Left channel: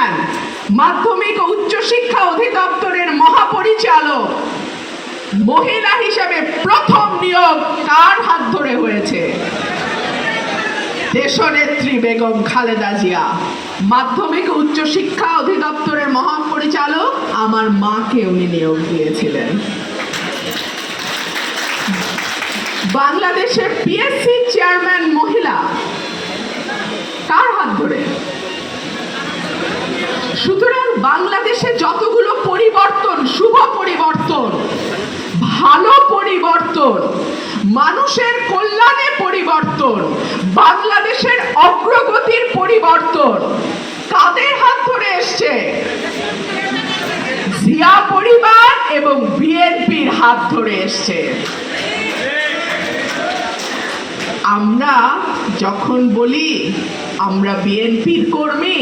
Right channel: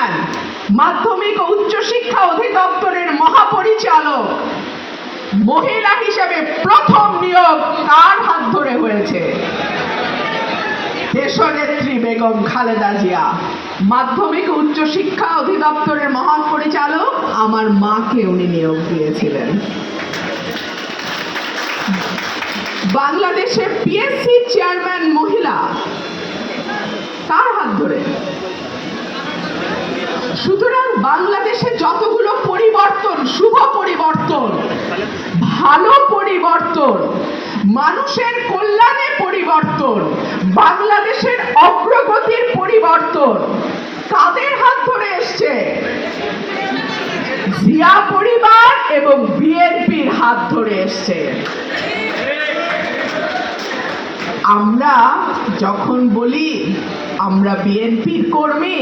Chairman, মাধ্যমিক ও উচ্চশিক্ষা অধিদপ্তরের মহাপরিচালক মহিলা হিসেবে প্রথম নিয়োগ কার হাত ধরে হয়েছে? দেশনেত্রী বেগম খালেদা জিয়া। মাধ্যমিক ও উচ্চশিক্ষা অধিদপ্তরের মহাপরিচালক আমার মাকে উনি নিয়োগ দিয়েছিলেন। বাংলাদেশে পিএসসি চেয়ারম্যান মহিলা কার হাত ধরে? সুতরাং বাংলাদেশে যতগুলো পরিবর্তন, শুভ পরিবর্তন, ভালো পরিবর্তন, মানুষের কল্যাণে পরিবর্তন, বাংলাদেশের অগ্রগতির পরিবর্তন কাদের হাত ধরে এসছে? জিয়া পরিবার এবং বিএনপির হাত ধরে এসছে। আমরা যখন বলি আমরা বিএনপির কর্মী,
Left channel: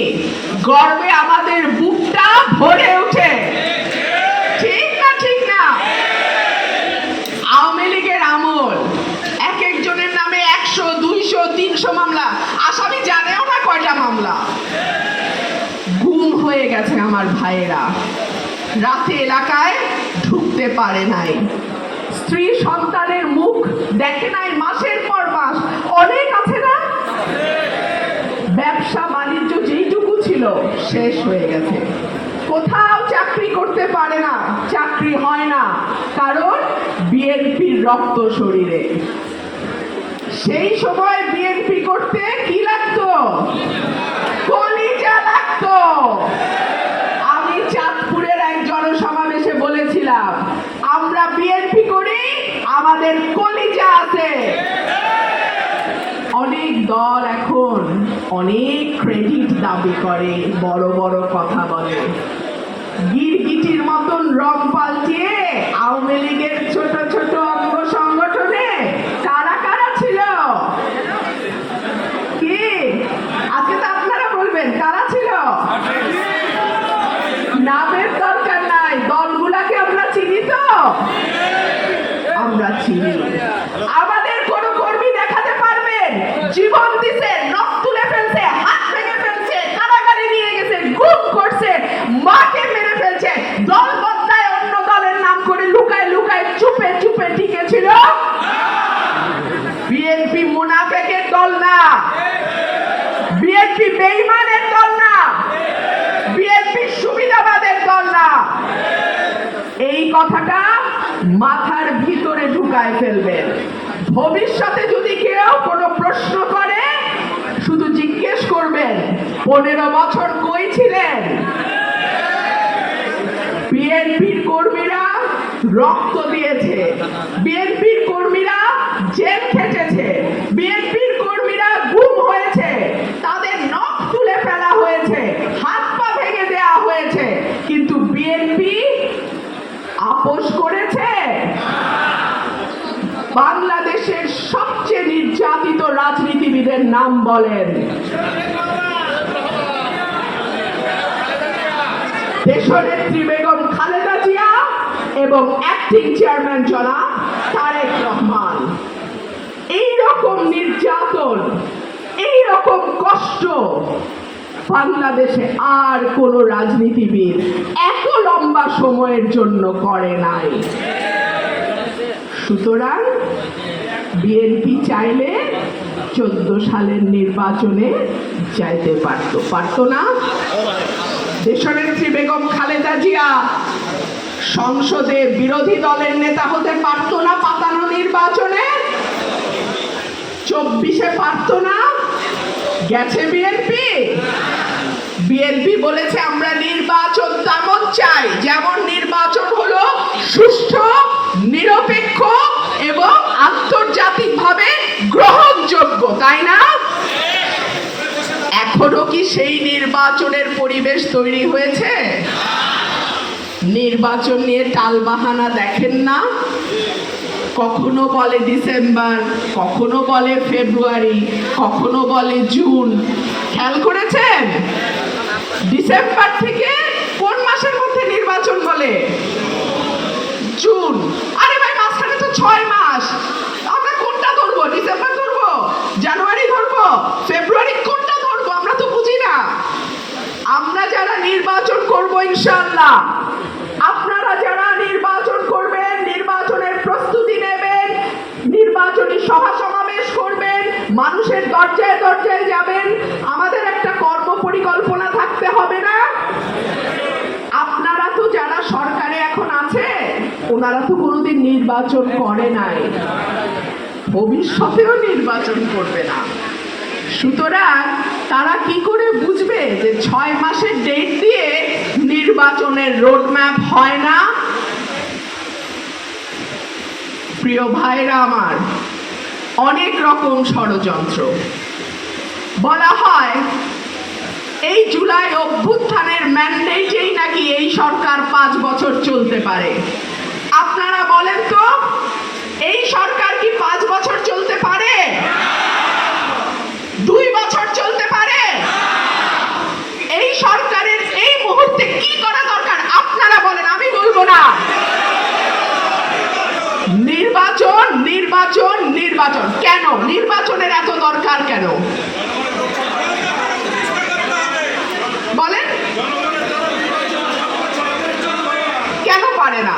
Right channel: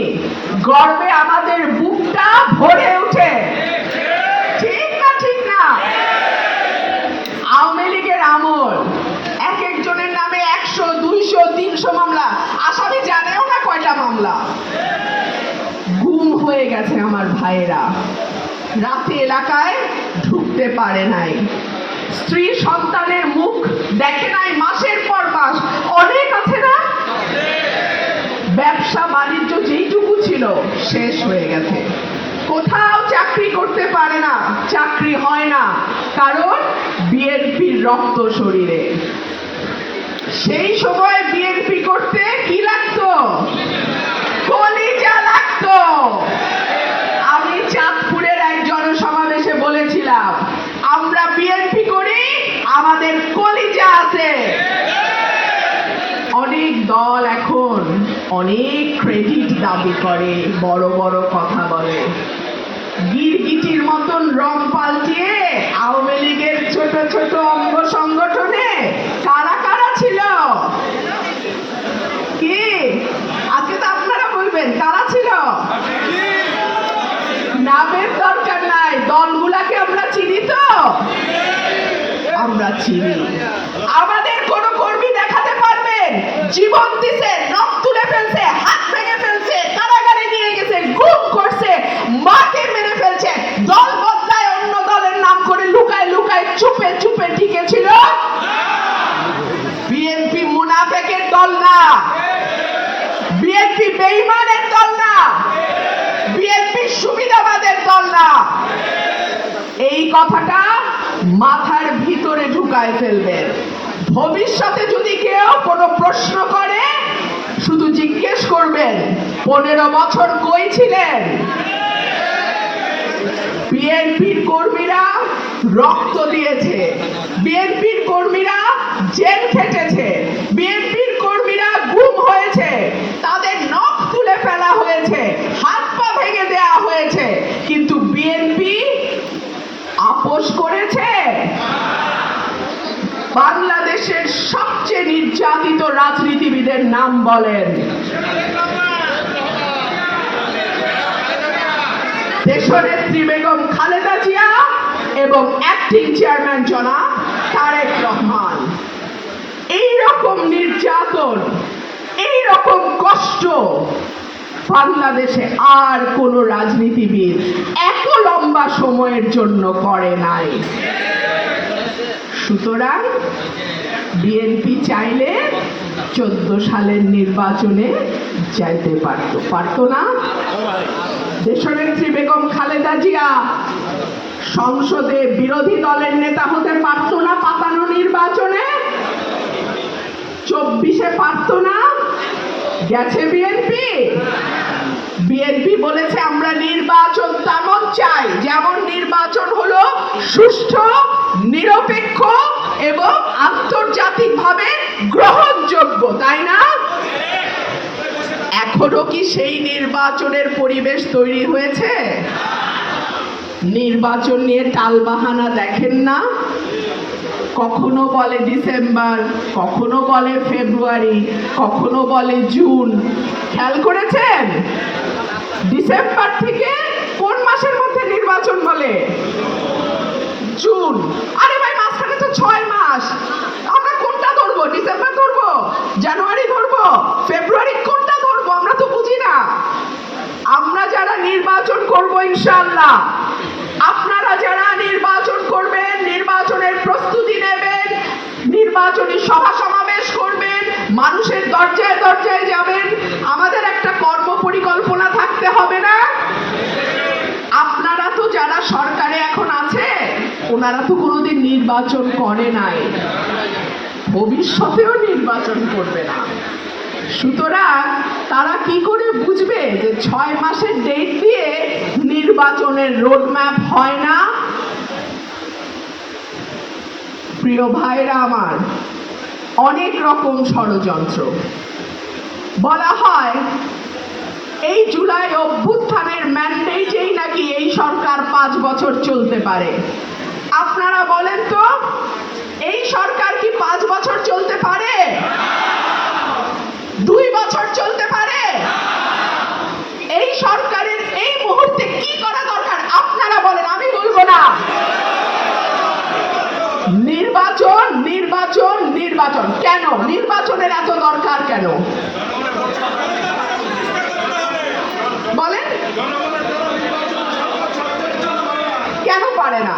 গর্বে আমাদের বুকটা ভরে ওঠে, ঠিক না? ঠিক না? আওয়ামী লীগের আমল এক একজনের নামে 100, 200, 300 মামলা, আসামি জানেও না কয়টা মামলা। গুম হয়ে গেছে আমার ভাইয়েরা, রাতে এলাকায় ঢুকতে পারে নাই, স্ত্রী সন্তানের মুখ দেখে নাই মাসের পর মাস। অনেক আছে না? ব্যবসা বাণিজ্য যেইটুকু ছিল শেষ হয়ে গেছে, কোথাও চাকরি করতে পারে না, চাকরি হয় না, কারণ বিএনপির রক্ত শরীরে। সেই সময় বিএনপি করতে কি লাগতো? কলিজা লাগতো। আমি চাঁদপুরের এক জনসমাবেশে বলেছিলাম, আমরা বিএনপি করি, আমাদের কলিজা আছে। অনেক দল এখন অনেক ক্রেডিট দাবি করে, বড় বড় কথা বলে, গিরগিটির মতন রং পাল্টিয়ে আওয়ামী লীগের ছোট ছোট অঙ্গ সংগঠনে কারা কারা ছিল? কি আজকে তো আপনারা বলবেন কারা ছিল? নামের দরকার নাই, দলগুলাকে আমরা চিনি তো, আমরা চিনি। আমাদের কোন কর্মী দেখাতে পারবেন জীবন দিছে, নখ তুলে ফেলছে, হাত ভেঙে ফেলছে, কারাগারে নিয়ে গেছে, গুম করছে, মাকে মেরে ফেলছে, দল বদলায় অন্য দলের নাম করে লুকায় লুকায় চুপে চুপে টিকেছিল? বিএনপি মুনাফেকের দল না, বিএনপি বেঈমানের দল না, বিএনপি সুবিধাবাদের দল না। এই কথাটা মাথার ভিতরে ঢুকায় ফেলবেন। ভবিষ্যতে যদি কেউ কোনো প্রশ্ন করে শুধু জিজ্ঞেস করবেন 15 বছর কই ছিলেন? বিএনপির কর্মীরা রক্ত দিয়েছে, বিএনপির কর্মীরা জেল খেটেছে, বিএনপির কর্মীরা গুম হয়েছে, তাদের নখ তুলে ফেলা হয়েছে, হাত পা ভেঙে দেওয়া হয়েছে, কিন্তু বিএনপি আপোষ করেছে? বাংলাদেশের সবচেয়ে নির্যাতিত রাজনীতিবিদের নাম বলেন। দেশনেত্রী বেগম খালেদা জিয়া এবং অ্যাক্টিং চেয়ারম্যান জনাব তারেক রহমান। এইরকম নির্যাতন, এইরকম কষ্ট বাংলাদেশে আর কোন রাজনীতিবিদ এত লম্বা সময়ের জন্য করে নাই। সুতরাং বিএনপি চাইলে 14 সালের নির্বাচনে যাইতে পারতো না? দেশনেত্রী বেগম খালেদা জিয়া সংসদে বিরোধী দলের নেতা হতে পারতো না পাতানো নির্বাচনে? 24-এ পারতো না? গেছে বিএনপি? বিএনপি বলেছে আমরা নির্বাচন তেমন চাই যেমন নির্বাচন হলো সুষ্ঠু, নিরপেক্ষ এবং আন্তর্জাতিকভাবে গ্রহণযোগ্য, তাই না? এখনো কি সেই নির্বাচনের পরিবেশ তৈরি হয়েছে? নির্বাচন নিয়ে টালবাহানা দেখেন না? কখনো বলে ডিসেম্বর, কখনো বলে ফেব্রুয়ারি, কখনো বলে জুন। খেয়াল করেছেন ডিসেম্বর থেকে কোন মাসের মধ্যে নির্বাচন বলে? জুন। আরে ভাই, মাঝখানে তো 6 মাস। আমরা কোনটা ধরবো? ডিসেম্বর ধরবো, জানুয়ারি ধরবো, ফেব্রুয়ারি, কোনটা ধরবো? আমরা তো বুঝি না। আমরা যারা করব ইনশাআল্লাহ। আপনারা যারা নির্বাচন করবেন, নির্বাচনের প্রস্তুতি নেবেন, নির্বাচনী সভা সমাবেশ করবেন, মানুষের দরজায় দরজায় যাবেন, আমাদের একটা কর্ম পরিকল্পনা থাকতে হবে না? আপনারা তো যারা সরকারে এখন আছে, ওনারা তো কোনোদিন নির্বাচন করে নাই, ভবিষ্যতেও নির্বাচন করবে না। সুতরাং তারা কি করে বুঝবে যে 6 মাসের ডেট দিয়ে নির্বাচনের রোডম্যাপ হয় না? প্রিয় ভাইরা আমার, অনেক রকম ষড়যন্ত্র। বলা হয় এই জুলাই অভ্যুত্থানের ম্যান্ডেটেই নাকি এই সরকার 5 বছর চলতে পারে। আপনারা বলেন তো, এই সরকার কি 5 বছর চলতে পারে? 2 বছর চলতে পারে? এই সরকারের এই মুহূর্তে কি করা দরকার আপনারা বলেন, আমি বলবো না। নির্বাচন, নির্বাচন, নির্বাচন। কেন নির্বাচনের এত দরকার? কেন বলেন? কেন পারে না?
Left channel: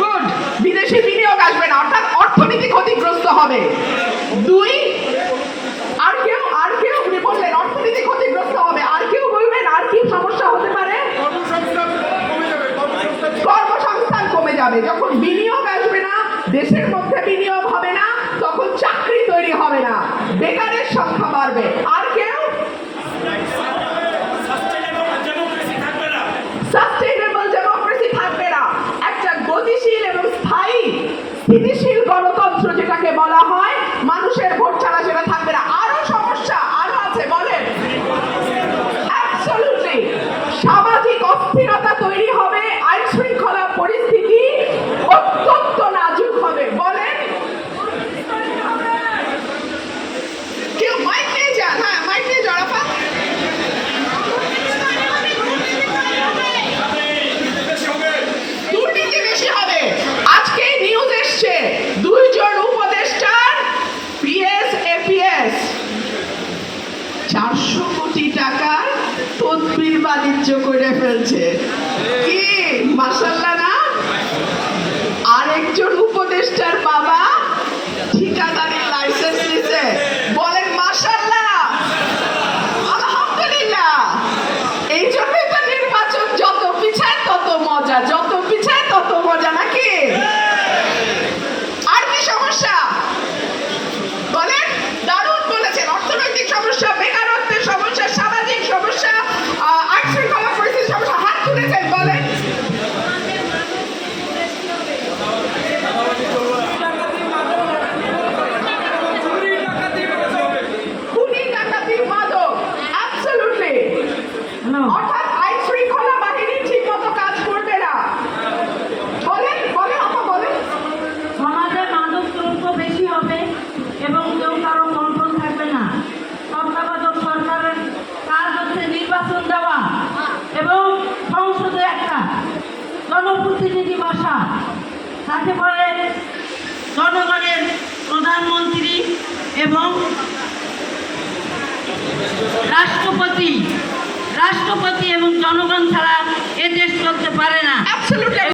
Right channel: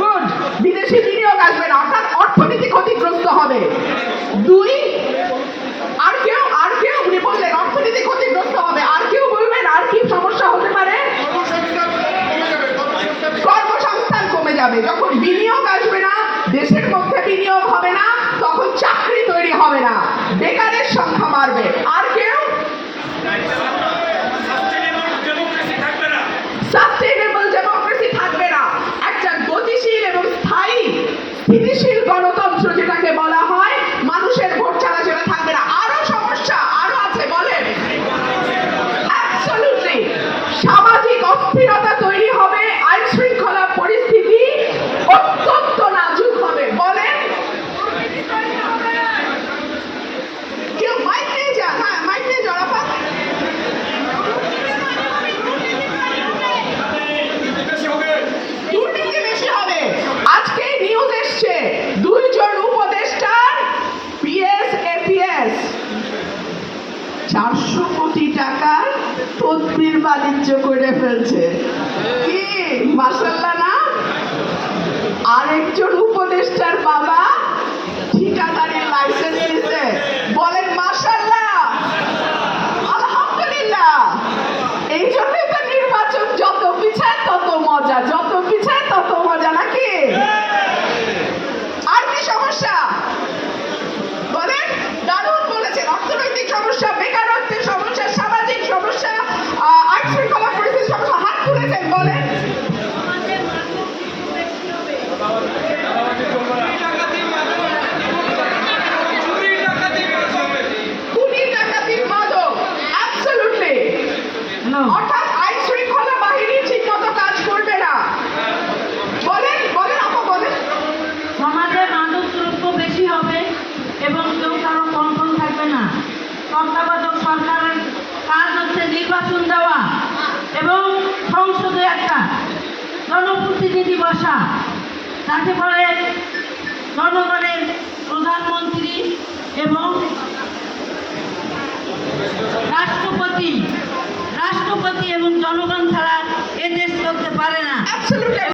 গুড, বিদেশি বিনিয়োগ আসবে না, অর্থাৎ অর্থনীতি ক্ষতিগ্রস্ত হবে। 2, আর কেউ উনি বললেন অর্থনীতি ক্ষতিগ্রস্ত হবে। আর কেউ বলবেন আর কি সমস্যা হতে পারে? কর্মসংস্থান কমে যাবে। যখন বিনিয়োগ আসবে না, দেশের মধ্যে বিনিয়োগ হবে না, তখন চাকরি তৈরি হবে না, বেকারের সংখ্যা বাড়বে। আর কেউ? সাস্টেইনেবল ডেমোক্রেসি থাকবে না। একটা গতিশীল এবং স্থায়ী স্থিতিশীল গণতন্ত্র যেটাকে বলা হয়, মানুষের ভোট ছাড়া সেটা থাকবে না। আরো সমস্যা আরো আছে, বলেন? অ্যাবসলিউটলি। সামাজিক অস্থিরতা তৈরি হবে, আইন শৃঙ্খলা পরিস্থিতি অত্যন্ত নাজুক হবে। বলেন? কেউ মাইক নিয়ে যান, হ্যাঁ মাইক নিয়ে যান। দুর্নীতি বেশি হবে। আজকে নিউজ এসছে 2 জন উপদেষ্টার পিএস এপিএস 400 কোটি টাকার তদবির বাণিজ্য করে ফেলছে। কি মাশাআল্লাহ না? আরেকজন উপদেষ্টার বাবা ঠিকাদারের লাইসেন্স নিছে। বলেন মাশাআল্লাহ, আলহামদুলিল্লাহ। এই জন্যই তো নির্বাচন যত পিছায় তত মজা, যত পিছায় তত মজা, নাকি? আর কি সমস্যা বলেন? দারুণ বলেছেন। অর্থনৈতিক সমস্যা, বেকারত্বের সমস্যা, সামাজিক সমস্যা, আইন শৃঙ্খলা পরিস্থিতির সমস্যা, হাত তুলেছেন। বলেন? খুনি, ডাকাতি, মাদক, অ্যাবসলিউটলি। অর্থাৎ আইন শৃঙ্খলা বাহিনী ঠিক মতো কাজ করবে না। বলেন বলেন আপা, বলেন? সমাজে মাদক দ্রব্য বেশি হবে এবং কেউ কারো কন্ট্রোল থাকবে না। তত্ত্বাবধায়ক সরকারের কাজ হচ্ছে নির্বাচন দেওয়া এবং সংসদে একটা জনপ্রতিনিধি বসা, যাতে করে জনগণের প্রধানমন্ত্রী এবং রাষ্ট্রপতি এবং জনগণ ছাড়া এ দেশ চলতে পারে না। অ্যাবসলিউটলি।